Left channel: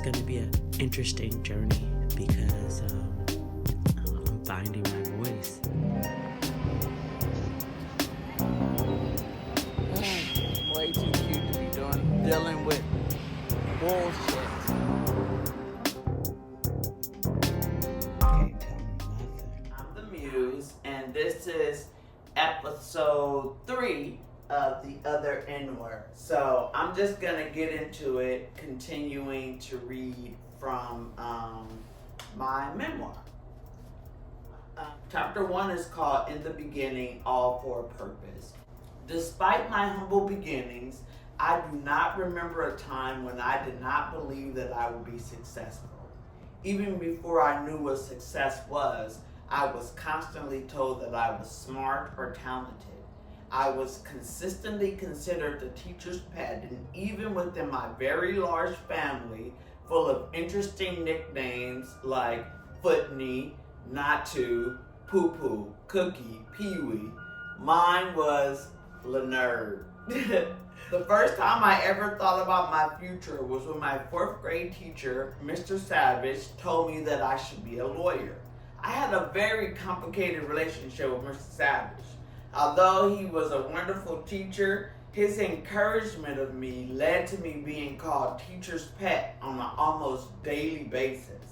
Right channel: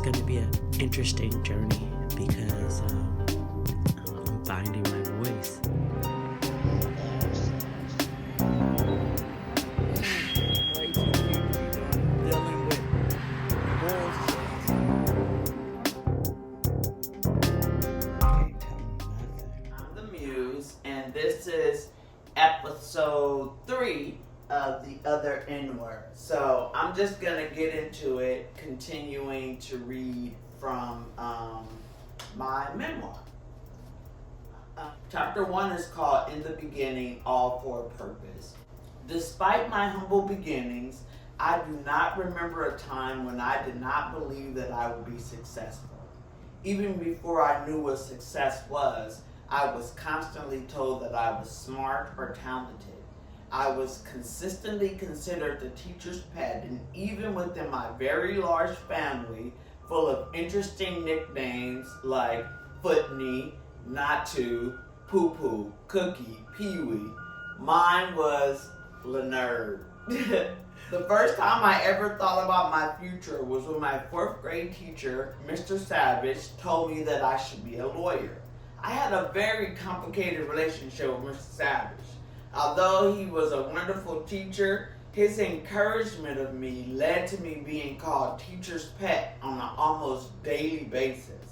it's going to be an interesting journey because I'm finding my voice. Way too deep to be dealing with bullshit. Can't tell me nothing. I'm the Muse, and this is episode 3 of the other N-word. So I'm just gonna get into it, continuing to read from my memoir. Chapter 1 is called In the Beginning, All for a Purpose. Despite my humble beginnings, I do not remember a time when I did not believe that I would be successful. Even before I knew what success was, I was constantly told that I was smart or talented. I was consistently considered the teacher's pet, and even within my very large family, full of interesting nicknames like Footney, Natu, Poo Poo, Cookie, Pee-wee, mine was Lenerd. The first time I ever thought about my future was when my 4th grade teacher, Mr. Savage, told me that I should be a lawyer. I had a very complicated relationship with Mr. Savage. Although he was a wonderful teacher, his encouragement of me led to me being called teacher's pet on an almost daily basis.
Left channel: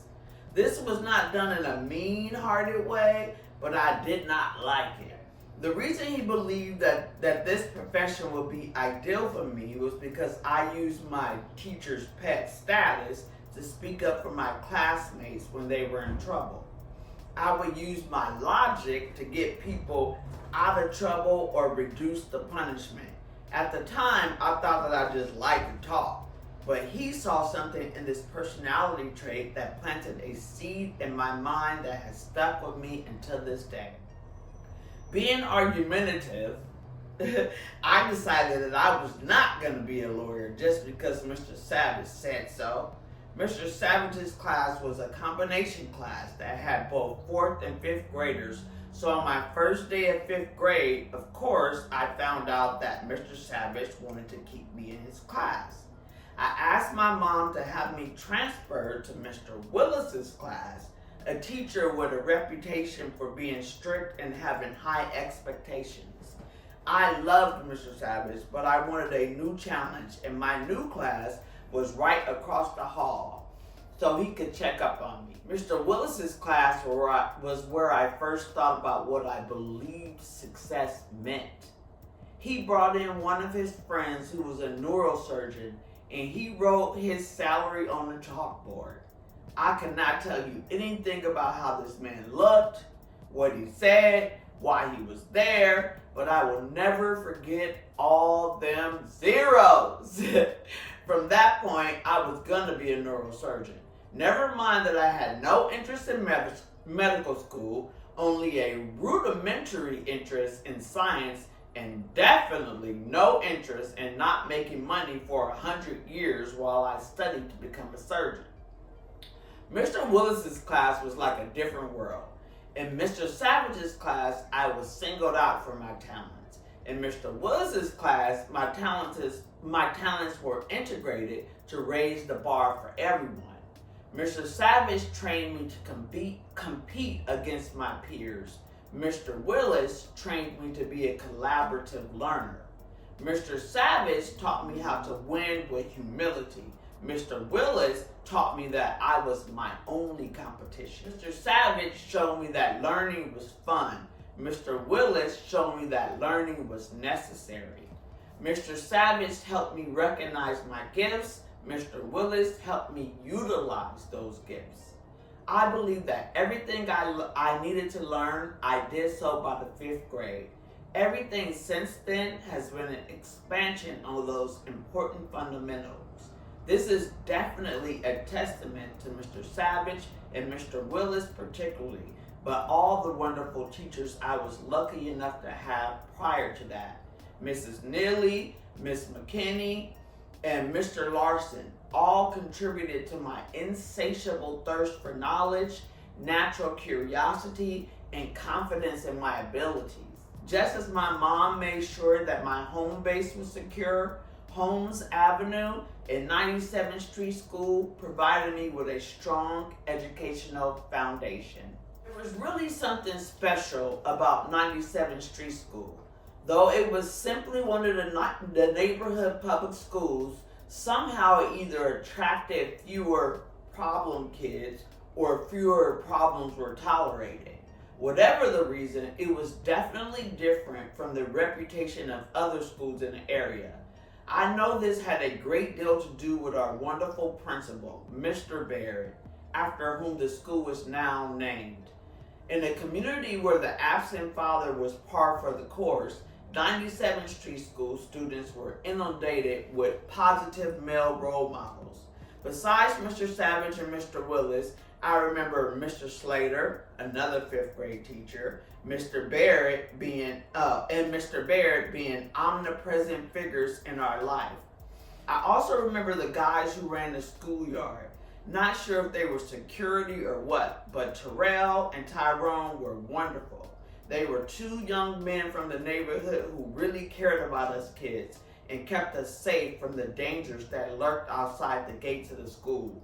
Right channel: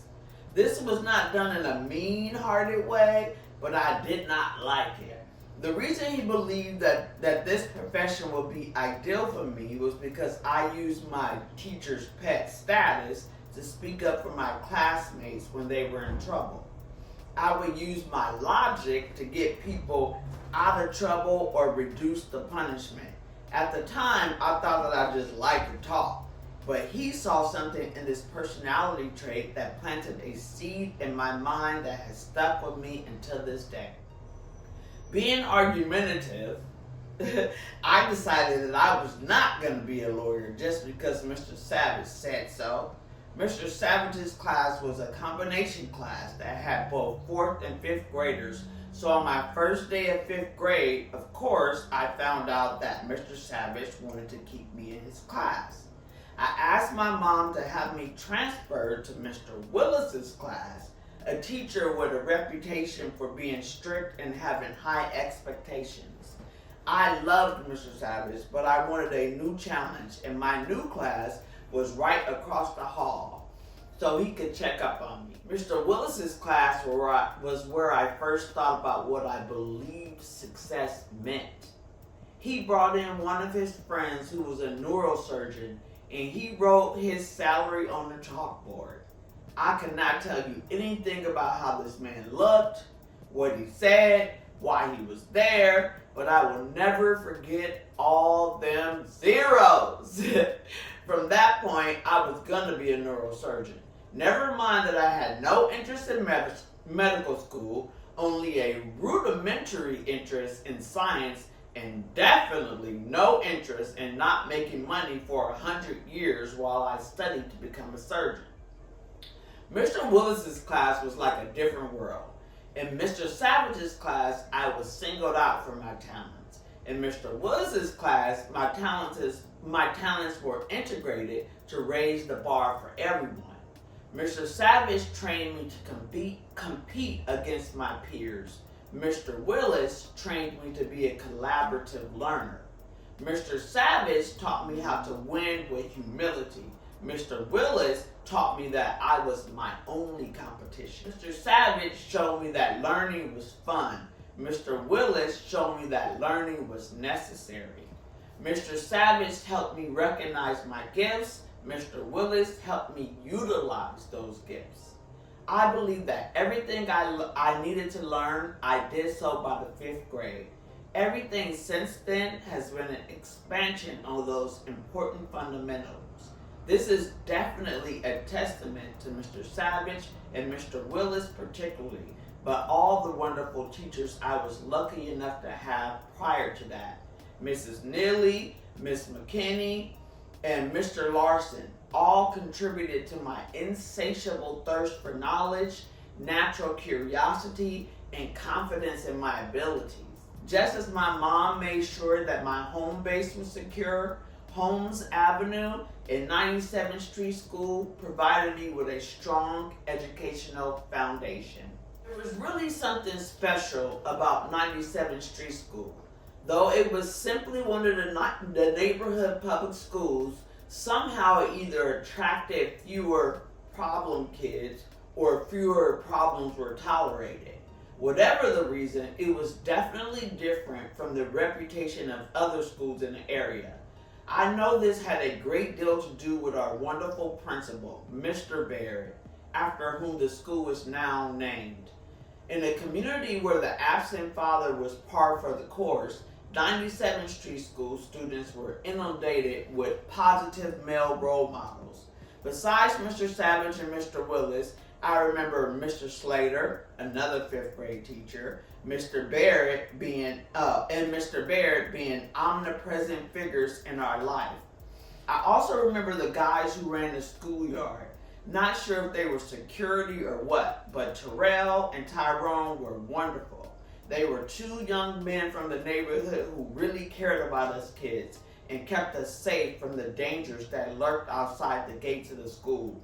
This was not done in a mean-hearted way, but I did not like it. The reason he believed that this profession would be ideal for me was because I used my teacher's pet status to speak up for my classmates when they were in trouble. I would use my logic to get people out of trouble or reduce the punishment. At the time, I thought that I just liked to talk, but he saw something in this personality trait that planted a seed in my mind that has stuck with me until this day. Being argumentative, I decided that I was not going to be a lawyer just because Mr. Savage said so. Mr. Savage's class was a combination class that had both 4th and 5th graders. So on my first day of 5th grade, of course, I found out that Mr. Savage wanted to keep me in his class. I asked my mom to have me transferred to Mr. Willis's class, a teacher with a reputation for being strict and having high expectations. I loved Mr. Savage, but I wanted a new challenge, and my new class was right across the hall, so he could check up on me. Mr. Willis's class was where I first thought about what I believed success meant. He brought in one of his friends who was a neurosurgeon, and he wrote his salary on the chalkboard. I cannot tell you anything about how this man looked, what he said, why he was there, but I will never forget all them zeros. From that point, I was gonna be a neurosurgeon. Never mind that I had no interest in medical school, only a rudimentary interest in science, and definitely no interest in not making money for 100 years while I studied to become a surgeon. Mr. Willis's class was like a different world. In Mr. Savage's class, I was singled out for my talents. In Mr. Willis's class, my talents were integrated to raise the bar for everyone. Mr. Savage trained me to compete against my peers. Mr. Willis trained me to be a collaborative learner. Mr. Savage taught me how to win with humility. Mr. Willis taught me that I was my only competition. Mr. Savage showed me that learning was fun. Mr. Willis showed me that learning was necessary. Mr. Savage helped me recognize my gifts. Mr. Willis helped me utilize those gifts. I believe that everything I needed to learn, I did so by the 5th grade. Everything since then has been an expansion on those important fundamentals. This is definitely a testament to Mr. Savage and Mr. Willis particularly, but all the wonderful teachers I was lucky enough to have prior to that. Mrs. Neely, Miss McKinney, and Mr. Larson all contributed to my insatiable thirst for knowledge, natural curiosity, and confidence in my abilities. Just as my mom made sure that my home base was secure, Holmes Avenue And 97th Street School provided me with a strong educational foundation. There was really something special about 97th Street School. Though it was simply one of the neighborhood public schools, somehow it either attracted fewer problem kids or fewer problems were tolerated. Whatever the reason, it was definitely different from the reputation of other schools in the area. I know this had a great deal to do with our wonderful principal, Mr. Barrett, after whom the school is now named. In a community where the absent father was par for the course, 97th Street School students were inundated with positive male role models. Besides Mr. Savage and Mr. Willis, I remember Mr. Slater, another 5th grade teacher, Mr. Barrett being omnipresent figures in our life. I also remember the guys who ran the schoolyard. Not sure if they were security or what, but Terrell and Tyrone were wonderful. They were 2 young men from the neighborhood who really cared about us kids and kept us safe from the dangers that lurked outside the gates of the school.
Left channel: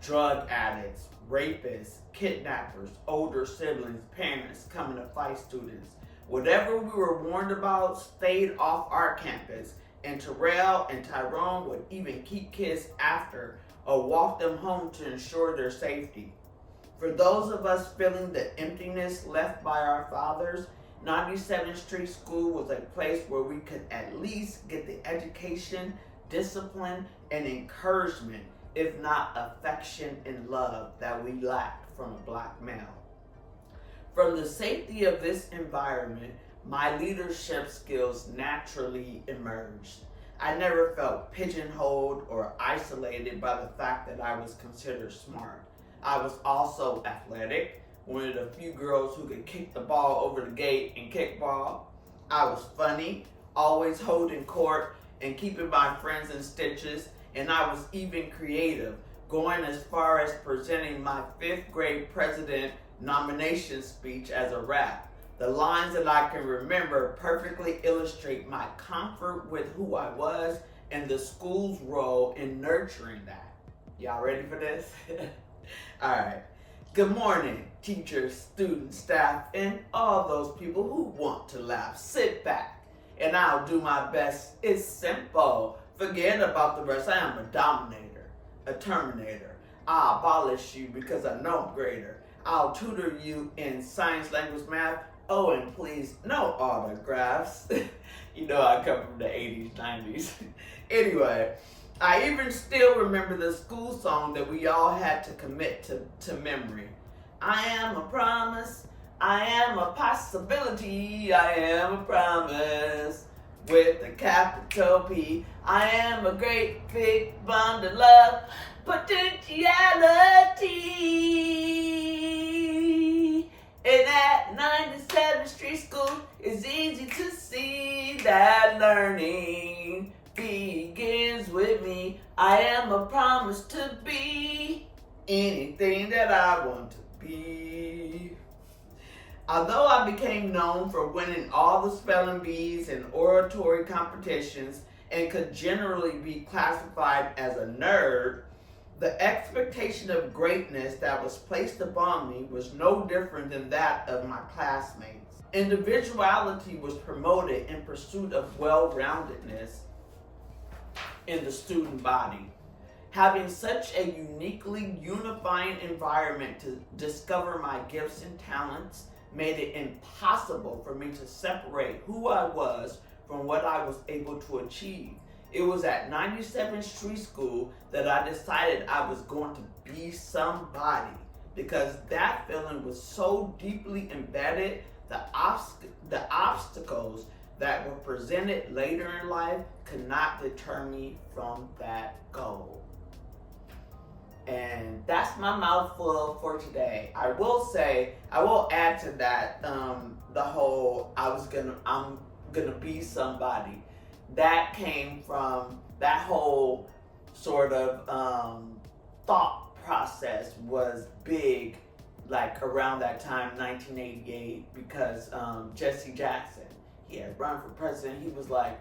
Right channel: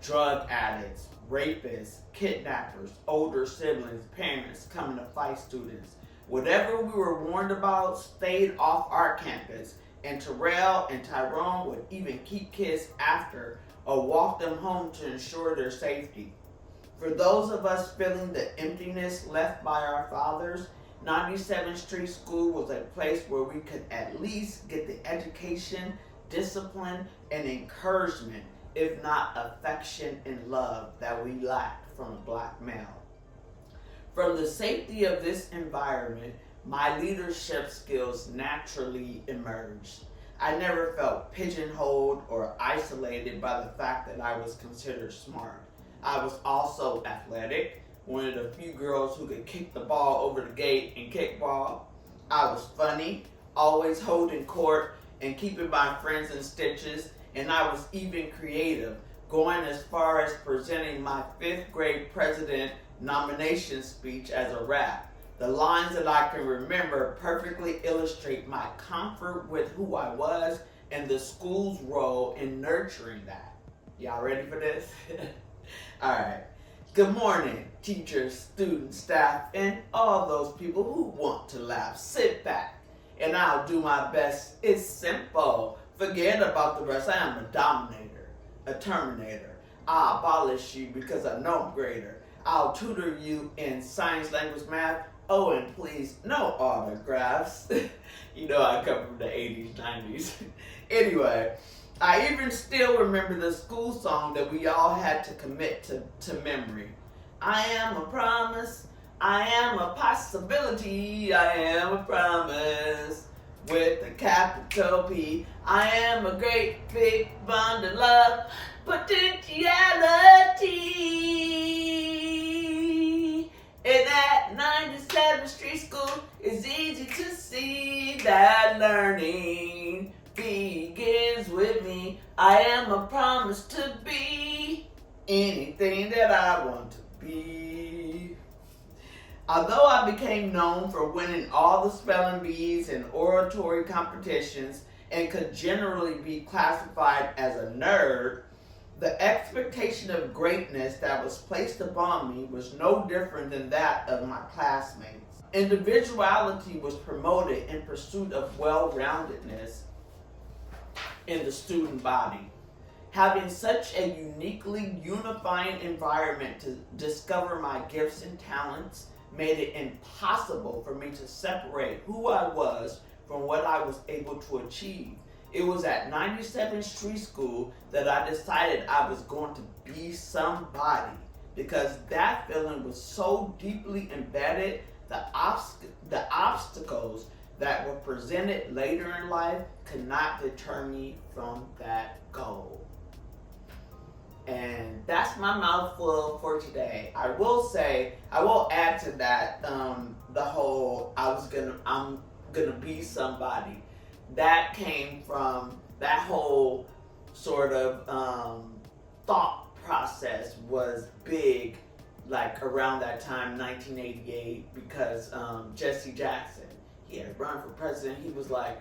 Drug addicts, rapists, kidnappers, older siblings, parents coming to fight students. Whatever we were warned about stayed off our campus, and Terrell and Tyrone would even keep kids after or walk them home to ensure their safety. For those of us feeling the emptiness left by our fathers, 97th Street School was a place where we could at least get the education, discipline, and encouragement, if not affection and love, that we lacked from a black male. From the safety of this environment, my leadership skills naturally emerged. I never felt pigeonholed or isolated by the fact that I was considered smart. I was also athletic, one of the few girls who could kick the ball over the gate and kickball. I was funny, always holding court and keeping my friends in stitches, and I was even creative, going as far as presenting my 5th grade president nomination speech as a rap. The lines that I can remember perfectly illustrate my comfort with who I was and the school's role in nurturing that. Y'all ready for this? All right. Good morning, teachers, students, staff, and all those people who want to laugh. Sit back, and I'll do my best. It's simple. Forget about the rest. I am a dominator, a terminator. I'll abolish you because I know I'm greater. I'll tutor you in science, language, math. Oh, and please, no autographs. You know I come from the 80s, 90s. Anyway, I even still remember the school song that we all had to commit to memory. I am a promise, I am a possibility, I am a promise with a capital P. I am a great big bundle of potentiality. And at 97th Street School, it's easy to see that learning begins with me. I am a promise to be anything that I want to be. Although I became known for winning all the spelling bees and oratory competitions and could generally be classified as a nerd, the expectation of greatness that was placed upon me was no different than that of my classmates. Individuality was promoted in pursuit of well-roundedness in the student body. Having such a uniquely unifying environment to discover my gifts and talents made it impossible for me to separate who I was from what I was able to achieve. It was at 97th Street School that I decided I was going to be somebody, because that feeling was so deeply embedded. The obstacles that were presented later in life could not deter me from that goal. And that's my mouthful for today. I will add to that, the whole I'm gonna be somebody. That came from that whole sort of thought process was big, like around that time, 1988, because Jesse Jackson, he had run for president. He was like,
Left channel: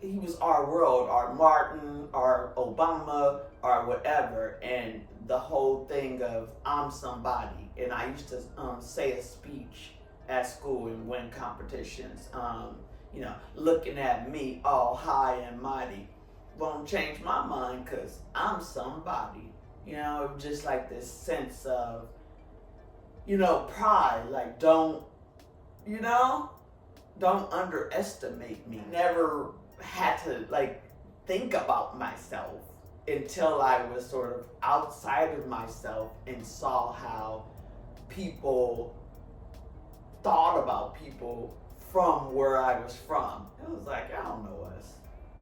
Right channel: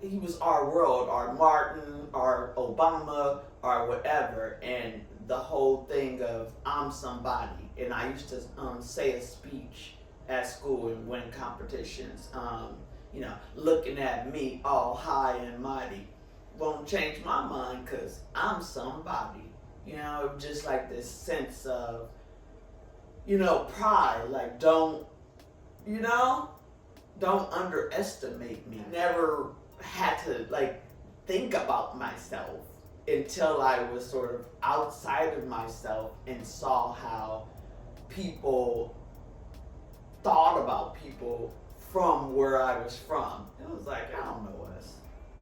he was our world, our Martin, our Obama, or whatever, and the whole thing of I'm somebody. And I used to say a speech at school and win competitions. Looking at me all high and mighty won't change my mind because I'm somebody. Just like this sense of, pride. Like, don't underestimate me. Never had to think about myself until I was sort of outside of myself and saw how people thought about people from where I was from. It was like, I don't know us.